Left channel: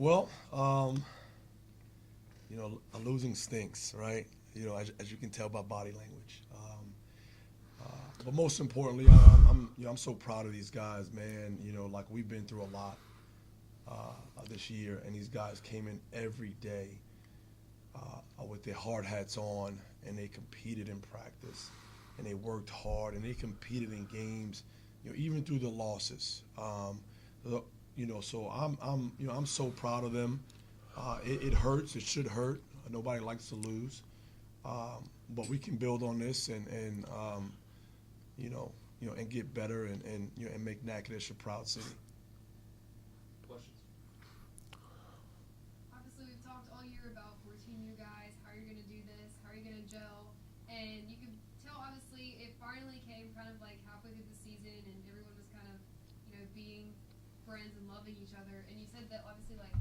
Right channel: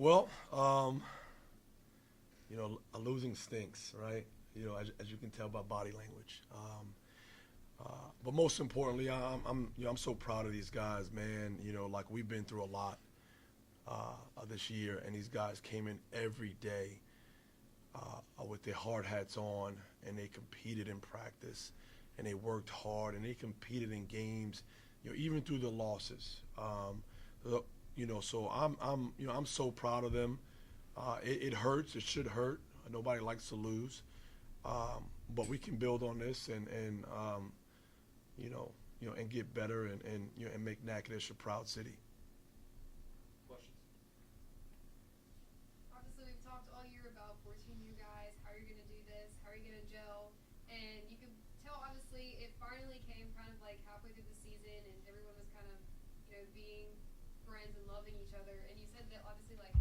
Well, losing stinks, right? As you can tell by body language. But most importantly, I'm so proud of these guys, man. Like we've been through a lot this year, and these guys came in every day with their hard hats on, and they competed in practice, and they worked hard, and they competed in games, even through the losses. So I'm so proud of them. It hurts. It should hurt. Nobody likes to lose, but we can build on this and get better and make Natchitoches a proud city. Questions? Obviously, we've talked all year about 14 new guys, how you're going to do this, how you're going to gel, and you could tell, obviously, it finally came kind of like halfway through the season, and everyone was kind of, being friends and loving each other, and you said that, obviously, like,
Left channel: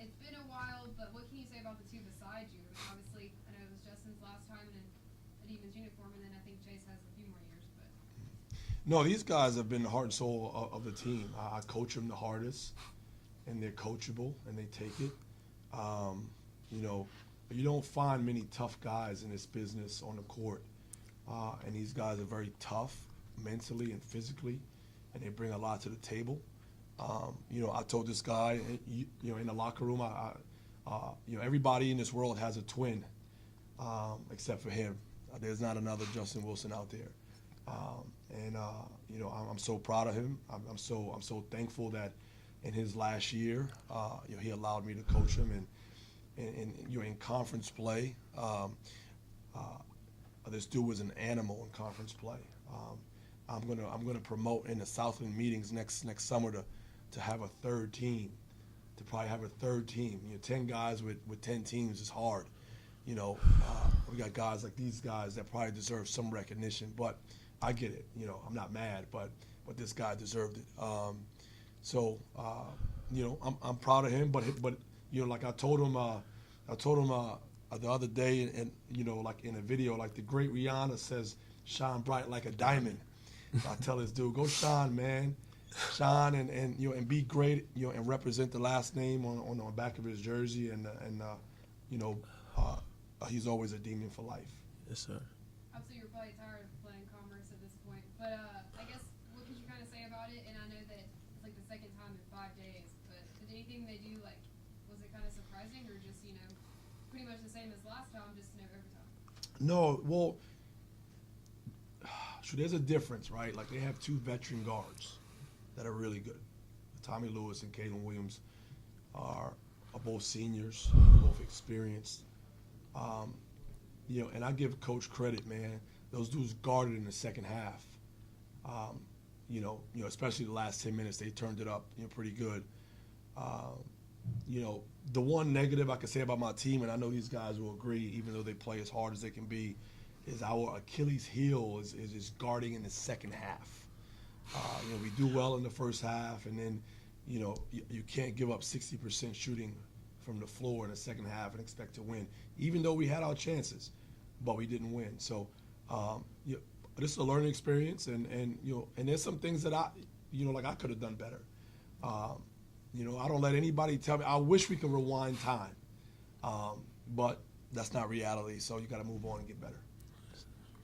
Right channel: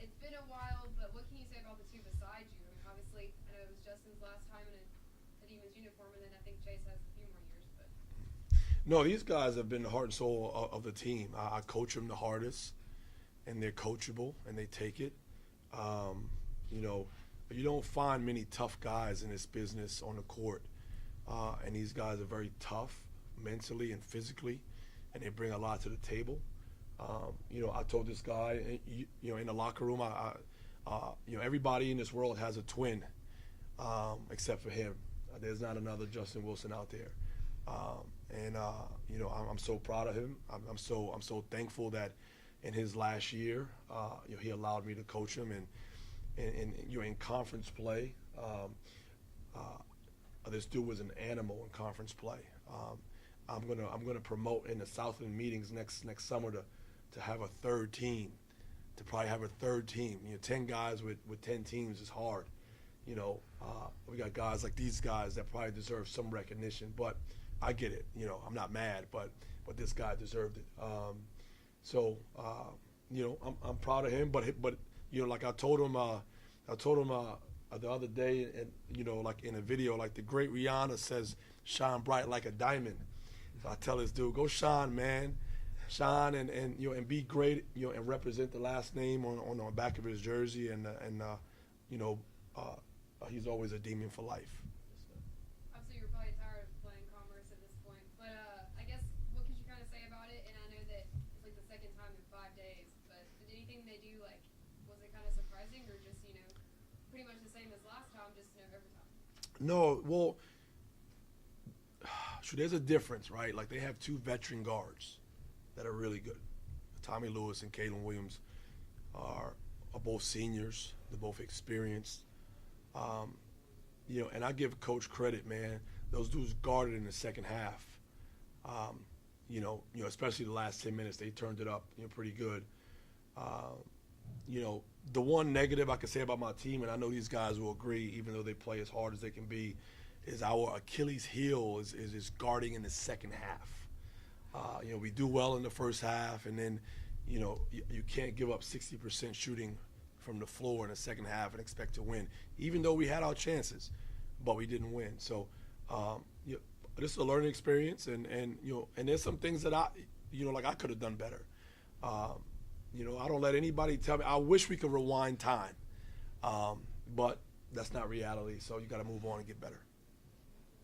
it's been a while, but what can you say about the two beside you? Obviously, I know it was Justin's last time in a Demons uniform, and then I think Chase has a few more years, but... No, these guys have been the heart and soul of the team. I coach them the hardest, and they're coachable, and they take it. You don't find many tough guys in this business on the court, and these guys are very tough mentally and physically, and they bring a lot to the table. I told this guy, in the locker room, everybody in this world has a twin, except for him. There's not another Justin Wilson out there. I'm so proud of him. I'm so thankful that in his last year, he allowed me to coach him, and in conference play, this dude was an animal in conference play. I'm gonna promote in the Southland meetings next summer to have a third team, to probably have a third team. 10 guys with 10 teams is hard. We got guys like these guys that probably deserve some recognition, but I get it. I'm not mad, but this guy deserved it. I'm proud of him, but like I told him the other day, and like in a video, like the great Rihanna says, shine bright like a diamond. So I tell this dude, go shine, man. Shine and be great, and represent the last name on the back of his jersey, and he's always a Demon for life. Yes, sir. Obviously, you're probably tired of playing Commerce at this point, but I guess what could you kind of say about it? And I know that it's like the second time in 5 days, but did anything they do, like, was it kind of surprising, or just, pretty much the same as last time, just every time? No, well, there's a difference, right? Like, they have two veteran guards that are really good. Tommy Lewis and Kalen Williams are both seniors, both experienced. And I give Coach credit, man. Those dudes guarded in the second half. Especially the last 10 minutes, they turned it up, pretty good. The one negative I could say about my team, and I know these guys will agree, even though they play as hard as they can be, is our Achilles heel is guarding in the second half. We do well in the first half, and then, you can't give up 60% shooting from the floor in the second half and expect to win, even though we had our chances, but we didn't win. So, this is a learning experience, and there's some things that I could have done better. I don't let anybody tell me. I wish we could rewind time, but that's not reality. So you got to move on and get better.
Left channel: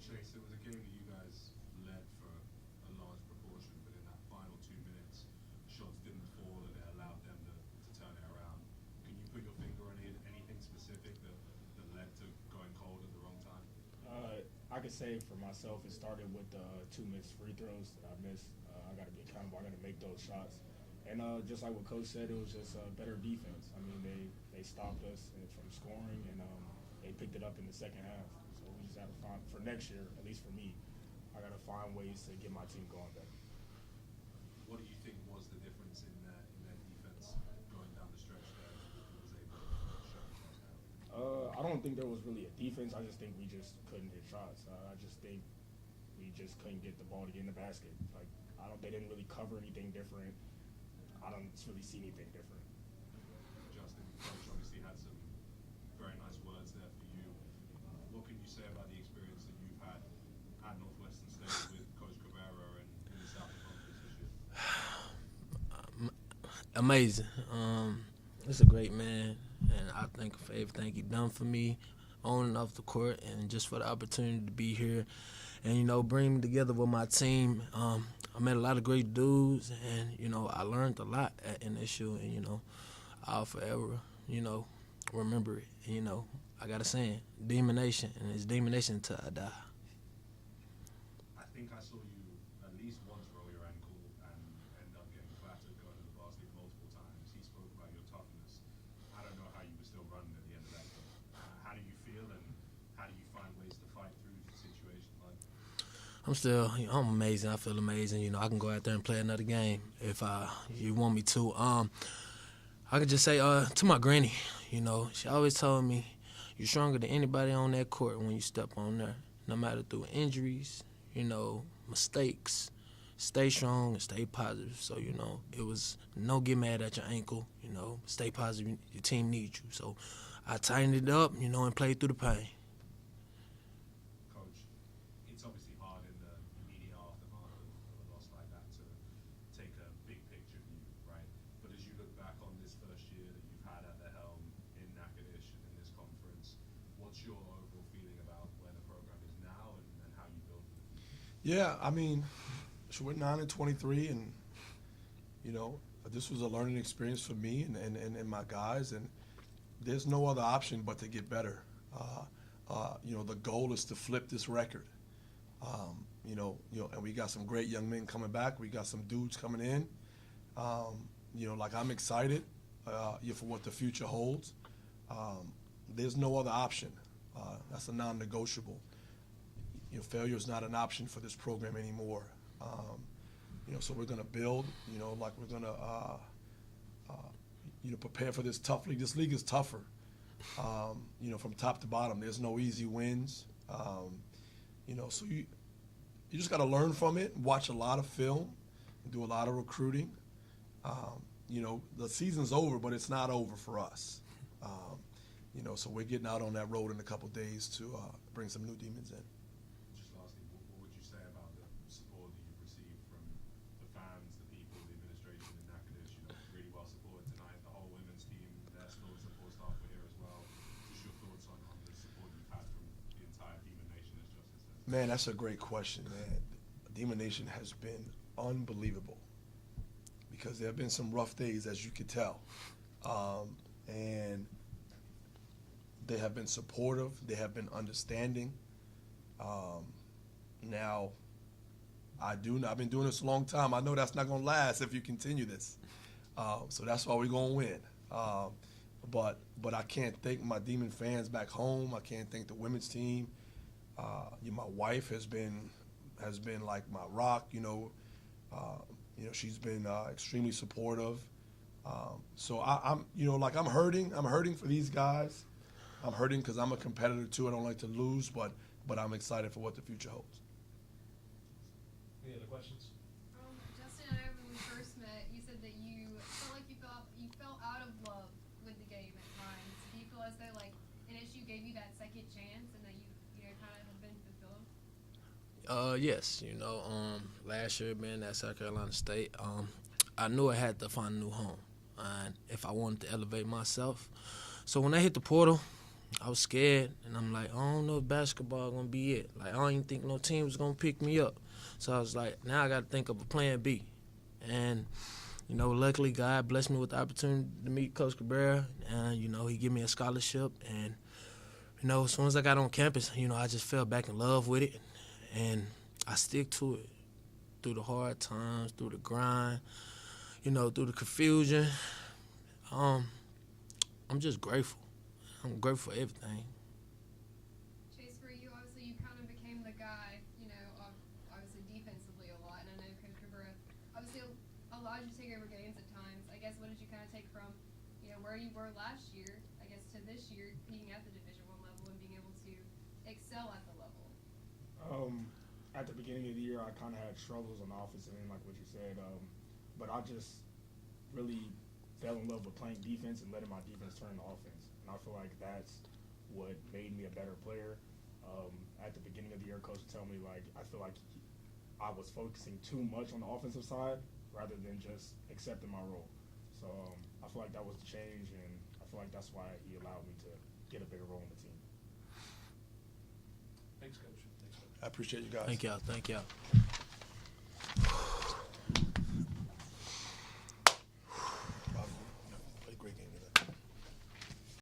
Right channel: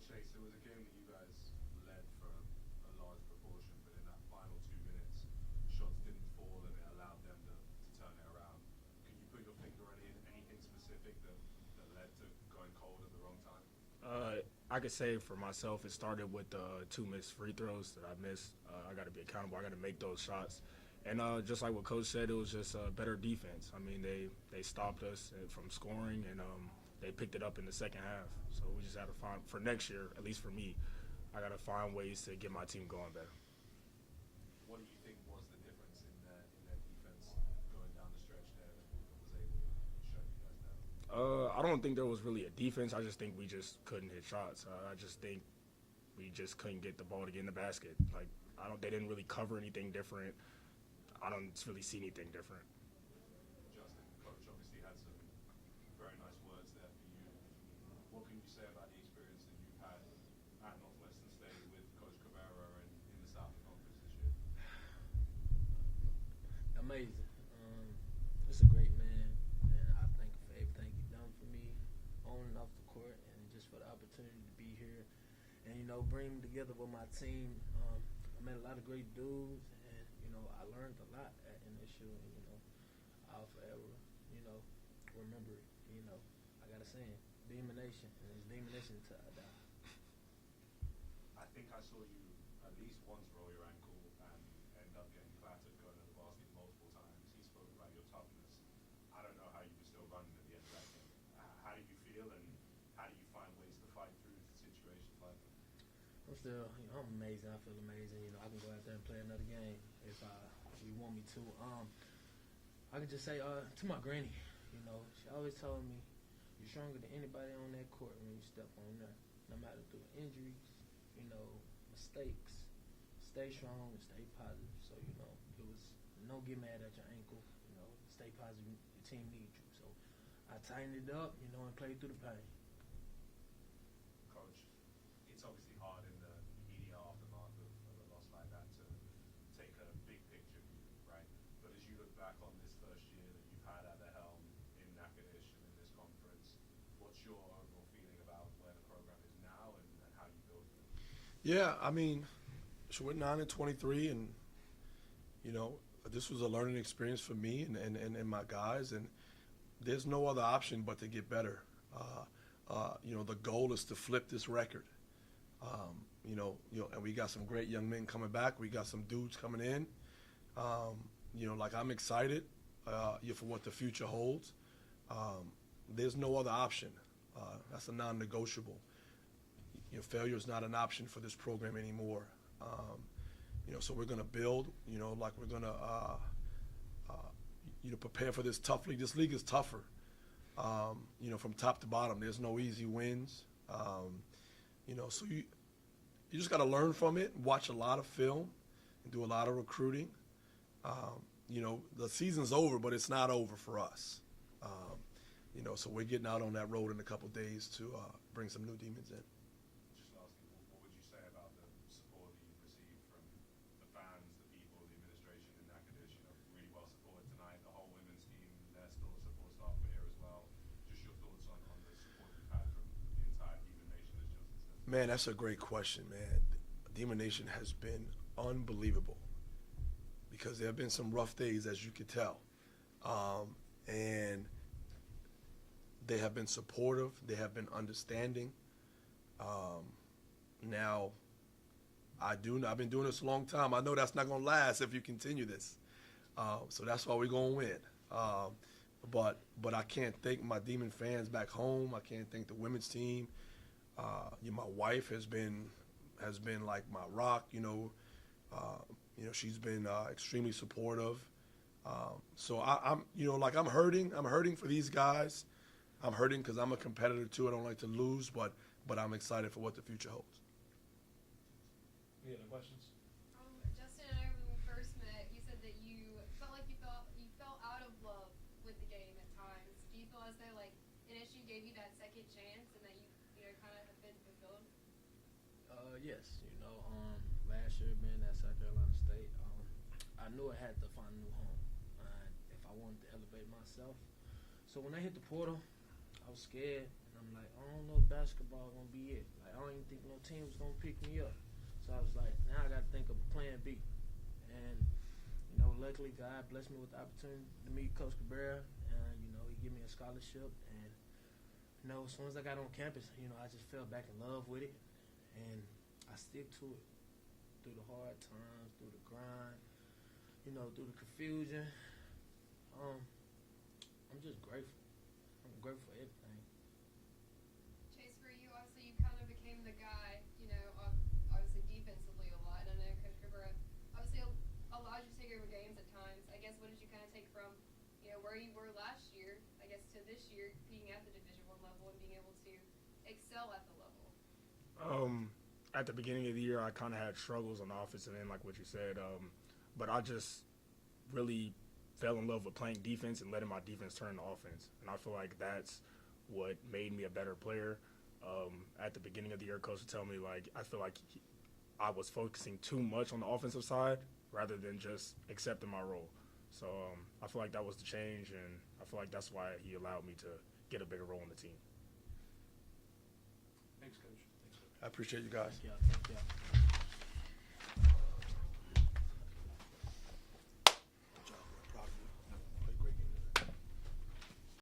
Chase, it was a game that you guys led for a large proportion, but in that final 2 minutes, shots didn't fall and it allowed them to turn it around. Can you put your finger on anything specific that led to going cold at the wrong time? I could say for myself, it started with 2 missed free throws that I missed. I got to be accountable. I got to make those shots. And just like what Coach said, it was just better defense. I mean, they stopped us from scoring, and they picked it up in the second half. So we just had to find, for next year, at least for me, I got to find ways to get my team going better. What do you think was the difference in their defense going down the stretch there that was able to show the first half? I don't think there was really a defense. I just think we just couldn't hit shots. I just think we just couldn't get the ball to get in the basket. Like, they didn't really cover anything different. I don't really see anything different. Justin, Coach obviously had some very nice words there for you. What can you say about the experience that you've had at Northwestern State with Coach Cabrera and in the Southland Conference this year? Amazing. It's a great man, and I thank him for everything he done for me on and off the court, and just for the opportunity to be here and bring me together with my team. I met a lot of great dudes, and I learned a lot at NSU, and I'll forever remember it. And, I got a saying, Demon Nation, and it's Demon Nation till I die. I think I saw you at least once roll your ankle and end up getting clattered going to the basket multiple times. He spoke about your toughness. I don't know how you were still running at the end of that game. How do you feel, and how do you find ways to fight through situations like that? I'm amazing. I feel amazing. I can go out there and play another game if you want me to. I could just say to my granny, she always told me, you're stronger than anybody on that court when you step on there, no matter through injuries, mistakes. Stay strong and stay positive. So, it was no get mad at your ankle, stay positive. Your team needs you. So I tightened it up, and played through the pain. Coach, it's obviously hard in the immediate aftermath of a loss like that to take a big picture view, right? But as you look back on this first year that you've had at the helm in Natchitoches and in this conference, what's your overall feeling about where the program is now and how you build for the future? Yeah, I mean, so we're 9-23, and this was a learning experience for me and my guys, and there's no other option but to get better. The goal is to flip this record. And we got some great young men coming back. We got some dudes coming in. I'm excited for what the future holds. There's no other option. That's a non-negotiable. Failure is not an option for this program anymore. So we're going to build. We're going to prepare for this tough league. This league is tougher. From top to bottom, there's no easy wins. So you just got to learn from it, watch a lot of film, do a lot of recruiting. The season's over, but it's not over for us. So we're getting out on that road in a couple of days to bring some new demons in. Just lastly, what would you say about the support that you've received from the fans, the people, the administration in Natchitoches? Really well supported tonight. The whole women's team, their support staff were here as well. Just your thoughts on the support you've had from the entire Demon Nation, as Justin said. Man, that's a great question, man. Demon Nation has been unbelievable because there have been some rough days, as you could tell. And they have been supportive. They have been understanding. Now, I've been doing this a long time. I know that's not going to last if you continue this. So that's why we're going to win. But I can't thank my Demon fans back home. I can't thank the women's team. My wife has been like my rock. She's been extremely supportive. So I'm hurting. I'm hurting for these guys. I'm hurting because I'm a competitor too. I don't like to lose, but I'm excited for what the future holds. Any other questions? Justin, I know when we first met, you said that you felt like you felt out of love with the game at times. Do you feel as though NSU gave you that second chance and that you kind of have been fulfilled? Yes. Last year being at South Carolina State, I knew I had to find a new home, and if I wanted to elevate myself. So when I hit the portal, I was scared, and I'm like, I don't know if basketball gonna be it. I don't even think no team was gonna pick me up. So I was like, now I got to think of a plan B. And, luckily God blessed me with the opportunity to meet Coach Cabrera, and, he gave me a scholarship. And, as soon as I got on campus, I just fell back in love with it, and I stick to it through the hard times, through the grind, through the confusion. I'm just grateful. I'm grateful for everything. Chase, for you, obviously, you kind of became the guy, obviously defensively a lot. And I know Coach Cabrera obviously allowed you to take over games at times. I guess what did you kind of take from, where you were last year, I guess, to this year, being at the Division I level and being able to excel at the level? At the beginning of the year, I kind of had struggles on the offensive end, like what you said. But I just really fell in love with playing defense and letting my defense turn to offense. And I feel like that's what made me a better player. At the beginning of the year, Coach would tell me, I feel like I was focusing too much on the offensive side rather than just accepting my role. So I feel like that was the change, and I feel like that's why he allowed me to get a bigger role in the team. Thanks, Coach. Thanks, Coach. I appreciate you guys. Thank y'all.